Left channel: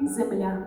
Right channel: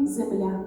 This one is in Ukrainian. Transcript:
земля.